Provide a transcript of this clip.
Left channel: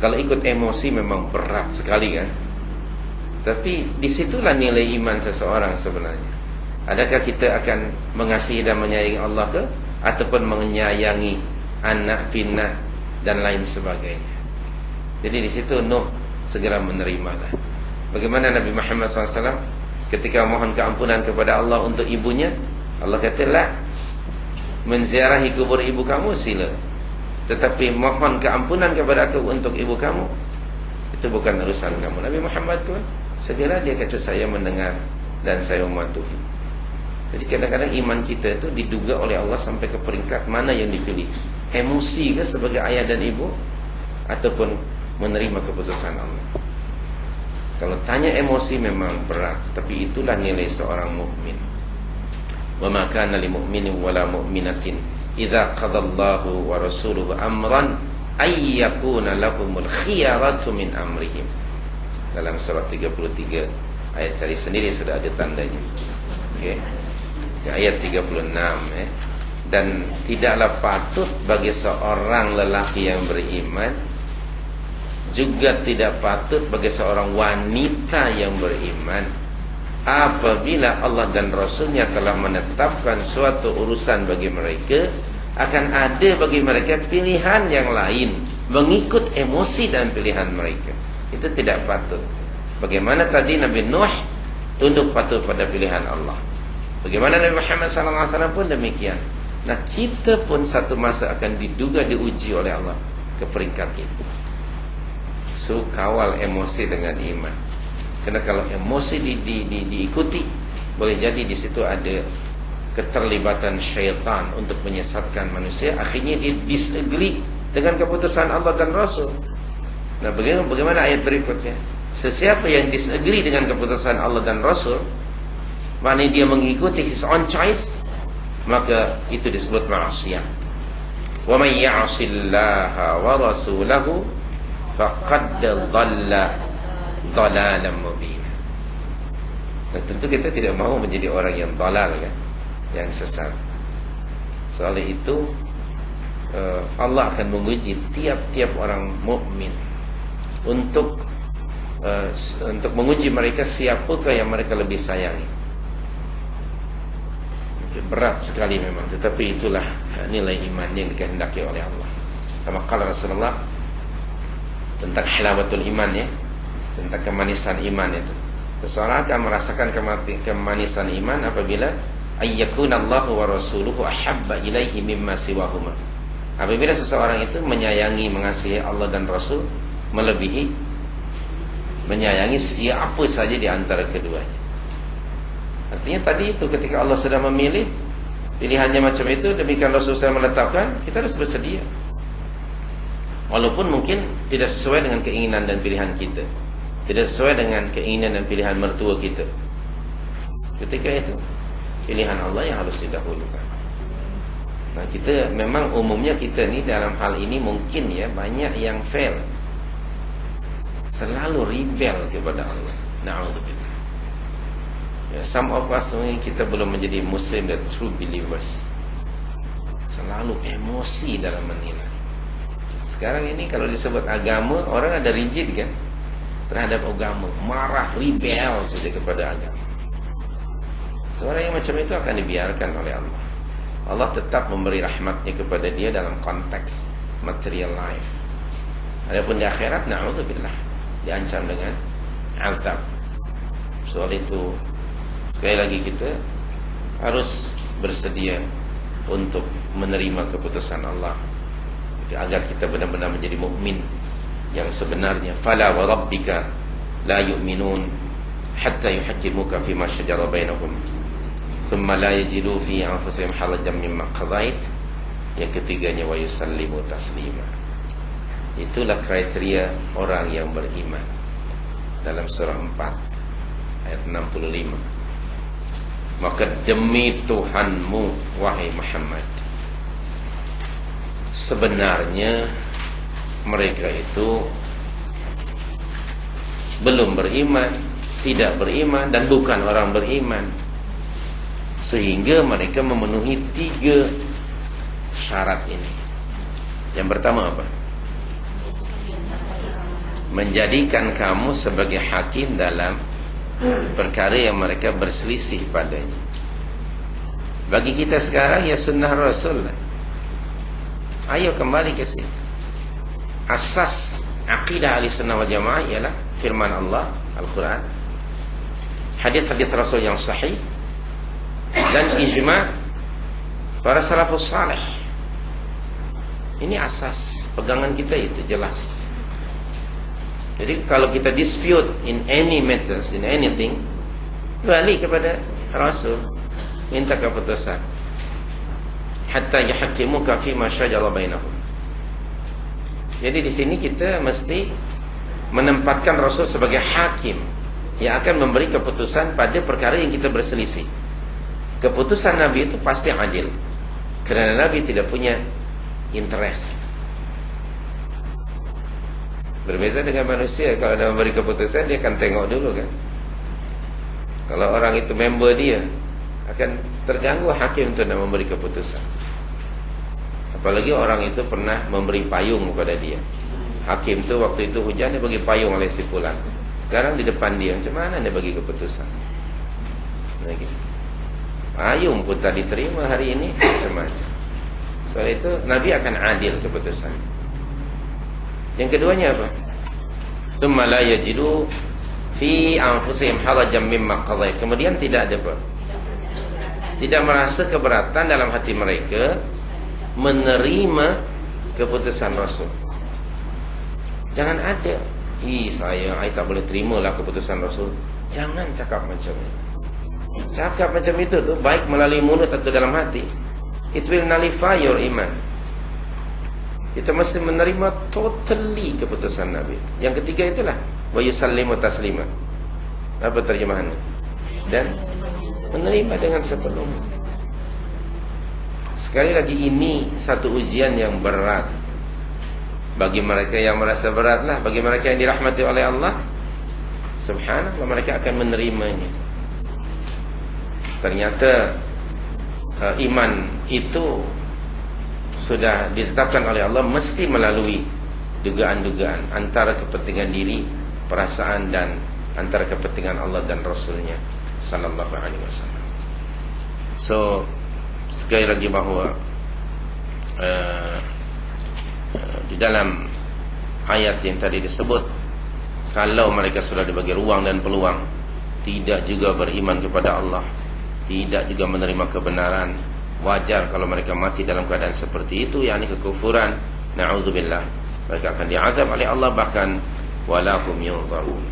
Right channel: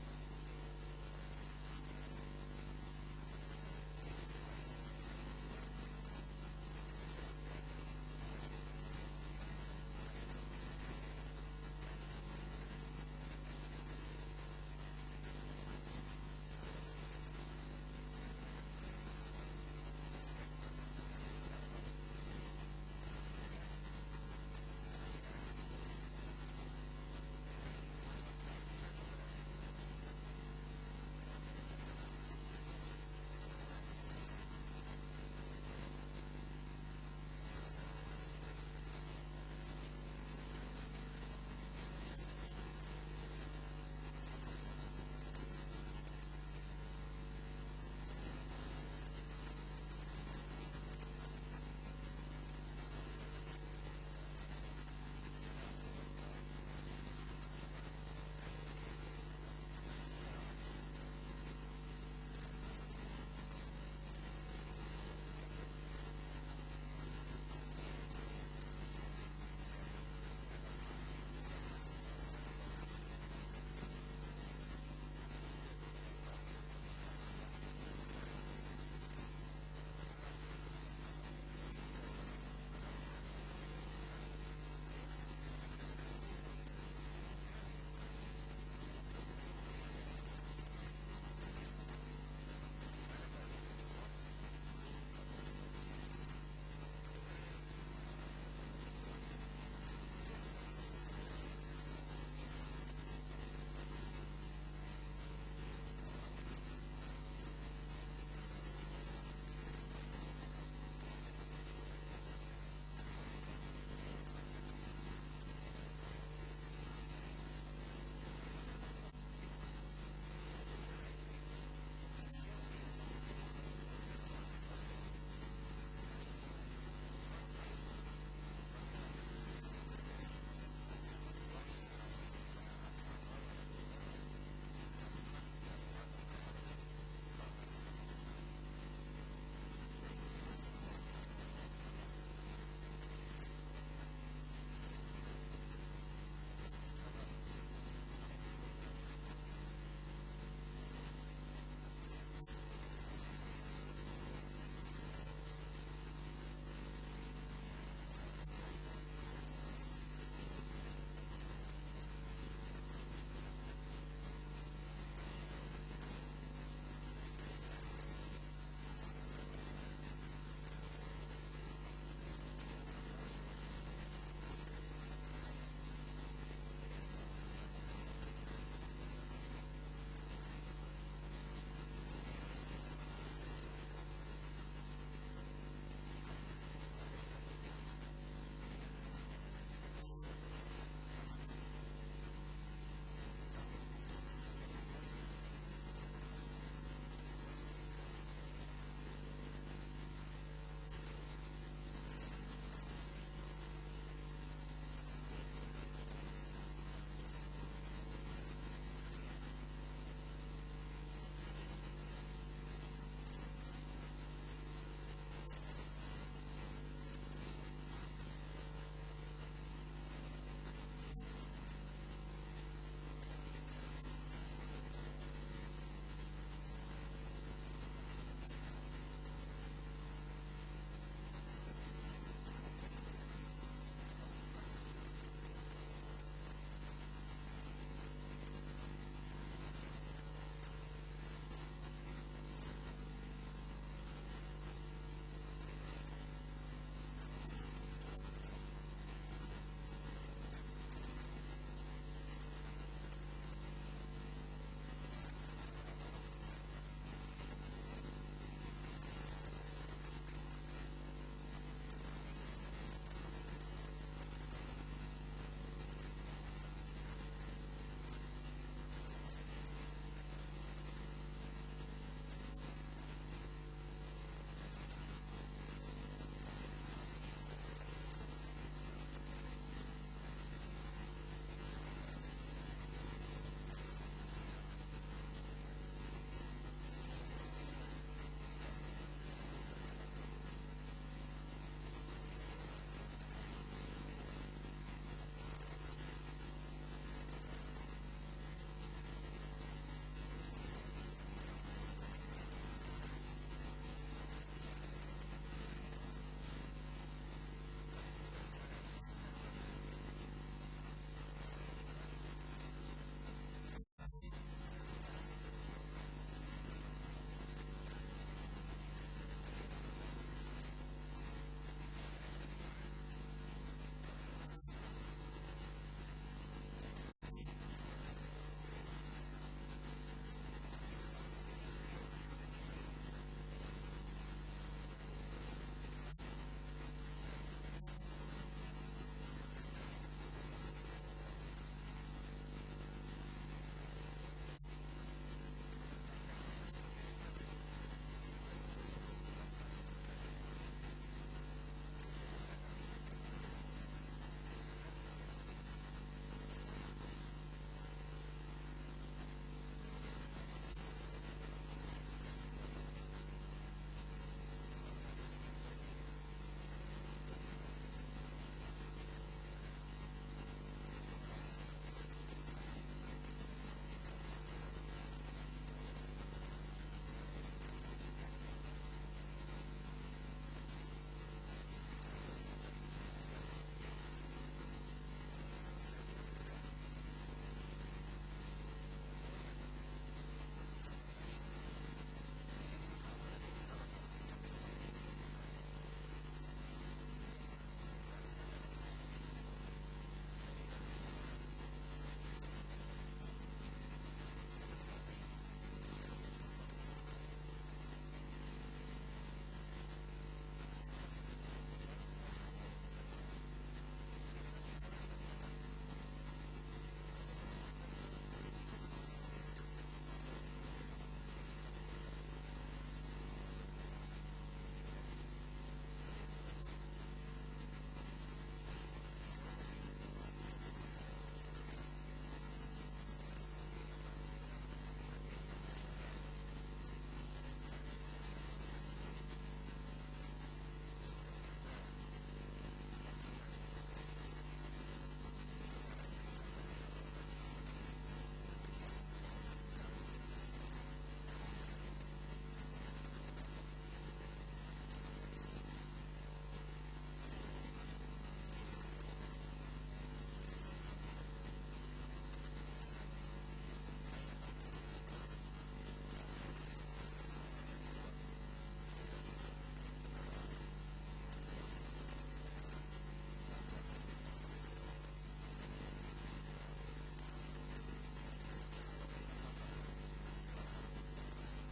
Kalau ikut emosi memang berat sekali kan. Tapi disitulah nilai iman seseorang sebenarnya. Adakah kita akan mengasihi dan menyayangi Allah ke, ataupun menyayangi anak, pinak dan lain sebagainya. Jadi di situ Nuh segera menerimalah. Bagaimana Nabi Muhammad SAW ketika mohon keampunan kepada Allah untuk ibunya, Allah kata, "La, menziarahi kubur ibu kamu sila, tetapi mohon keampunan kepada aku untuk ibu kamu, itu bukan urusan kamu." Nabi Muhammad pun segera dia kata, "Saya mendengar dan saya mematuhi." Jadi kadang-kadang iman kita itu diduga oleh Allah sampai ke peringkat mana yang dipilih, emosi ke sebagai ayah dan ibu, ataupun menerima keputusan Allah. Kalau tanya emosi memang berat, tapi itulah nilai seorang mukmin. Wa ma kana lil mu'minin wala mu'minatin idza qadallahu wa rasuluhu amran ay yakuna lahumul khiyaratu min amrihim. Dalam surah 33 ayat cari sendiri sudah ada tandanya. Okey. Ayat 36 dan tidaklah patut bagi seorang lelaki yang beriman, juga tidak patut bagi seorang wanita yang beriman, apabila Allah dan Rasulnya telah menetapkan suatu urusan bagi mereka, akan ada bagi mereka pilihan yang lain, mengikut emosi dan pilihan mereka. Itu tidak patut. Bagaimana tadi Nabi Nuh tunduk patuh pada pilihan Allah, bagaimana Nabi Muhammad SAW pun demikian. Nah, kita pun satu masa akan diduga diuji oleh Allah ke peringkat itu. So, kawal emosi dengan iman. Karena kalau emosi diikuti, boleh jadi di situ ada keterlibatan syaitan untuk menyesatkan manusia. Akhirnya dia disagree dengan keputusan Allah dan Rasul. Nah, bagaimana ayat berikutnya? Sesiapa yang disagree dengan keputusan Allah dan Rasul, maknanya dia mengikuti his own choice, maka itu disebut maksiat. Wa may ya'sillaha wa rasulahu faqad dhalla dhalalan mubina. Nah, tentu kita tidak mahu menjadi orang yang dalal kan, yang sesat. Soal itu Allah akan menguji tiap-tiap orang mukmin untuk menguji mereka siapakah yang mereka lebih sayangi. Berat sekali memang, tetapi itulah nilai iman yang dikehendaki oleh Allah. Kama qala Rasulullah tentang halawatul iman, ya, tentang kemanisan iman itu. Seseorang akan merasakan kemanisan iman apabila ayyakunallahu wa rasuluhu ahabba ilaihi mimma siwahuma. Apabila seseorang itu menyayangi, mengasihi Allah dan Rasul melebihi menyayangi siapa saja di antara keduanya. Artinya tadi itu ketika Allah sudah memilih pilihannya macam itu, demikian Rasul sudah menetapkan, kita harus bersedia. Walaupun mungkin tidak sesuai dengan keinginan dan pilihan kita, tidak sesuai dengan keinginan dan pilihan mertua kita. Ketika itu pilihan Allah yang harus didahulukan. Nah, kita memang umumnya kita ni dalam hal ini mungkin ya banyak yang fail, selalu rebel kepada Allah. Na'udzubillah. Ya, some of us mungkin kita belum menjadi Muslim dan true believers. Selalu emosi dalam menilai. Sekarang ini kalau disebut agama, orang ada rigid kan terhadap agama, marah, rebel saja kepada agama. Seorang yang macam itu akan dibiarkan oleh Allah. Allah tetap memberi rahmatnya kepada dia dalam konteks material life. Adapun di akhirat, na'udzubillah, diancam dengan azab. Soal itu sekali lagi kita harus bersedia untuk menerima keputusan Allah agar kita benar-benar menjadi mukmin yang sebenarnya. Fala wa rabbika la yu'minun hatta yuhaqqimuka fima shajara bainahum thumma la yajidu fi anfusihim harajan mimma qadait. Yang ketiganya wa yusallimu taslima. Itulah kriteria orang yang beriman dalam surah 4 ayat 65. Maka demi Tuhanmu wahai Muhammad, sebenarnya mereka itu belum beriman, tidak beriman, dan bukan orang beriman, sehingga mereka memenuhi 3 syarat ini. Yang pertama apa? menjadikan kamu sebagai hakim dalam perkara yang mereka berselisih padanya. Bagi kita sekarang ya sunnah Rasul lah. Ayo kembali ke situ. Asas akidah ahli sunnah wal jamaah ialah firman Allah, Al-Quran, hadis-hadis Rasul yang sahih, dan ijma' para salafus salih. Ini asas pegangan kita, itu jelas. Jadi kalau kita dispute in any matters, in anything, balik kepada Rasul, minta keputusan. Hatta yahkimuka fima syajara bainahum. Jadi di sini kita mesti menempatkan Rasul sebagai hakim yang akan memberi keputusan pada perkara yang kita berselisih. Keputusan Nabi itu pasti adil, kerana Nabi tidak punya interest. Berbeza dengan manusia, kalau dia memberi keputusan, dia akan tengok dulu kan. Kalau orang itu member dia, akan terganggu hakim untuk nak memberi keputusan. Apalagi orang itu pernah memberi payung kepada dia. Hakim tu waktu itu hujan, dia bagi payung oleh si fulan. Sekarang di depan dia, macam mana dia bagi keputusan? Lagi payung pun tak diterima hari ini, macam-macam. Soal itu Nabi akan adil keputusan. Yang keduanya apa? Tsumma la yajidu fi anfusihim harajan mimma qadait. Kemudian tidak ada apa? Tidak merasa keberatan dalam hati mereka menerima keputusan Rasul. Jangan ada, saya tak boleh terimalah keputusan Rasul. Jangan cakap macam itu. Cakap macam itu tu baik melalui mulut atau dalam hati, it will nullify your iman. Kita mesti menerima totally keputusan Nabi. Yang ketiga itulah wa yusallimu taslima. Apa terjemahannya? Dan menerima dengan sepenuhnya. Sekali lagi, ini satu ujian yang berat bagi mereka yang merasa beratlah. Bagi mereka yang dirahmati oleh Allah, subhanallah, mereka akan menerimanya. Ternyata iman itu sudah ditetapkan oleh Allah mesti melalui dugaan-dugaan antara kepentingan diri, perasaan, dan antara kepentingan Allah dan Rasulnya sallallahu alaihi wasallam. So sekali lagi bahawa di dalam ayat yang tadi disebut, kalau mereka sudah dibagi ruang dan peluang, tidak juga beriman kepada Allah, tidak juga menerima kebenaran, wajar kalau mereka mati dalam keadaan seperti itu, yakni kekufuran, na'udzubillah. Mereka akan diazab oleh Allah, bahkan walahum yunzarun.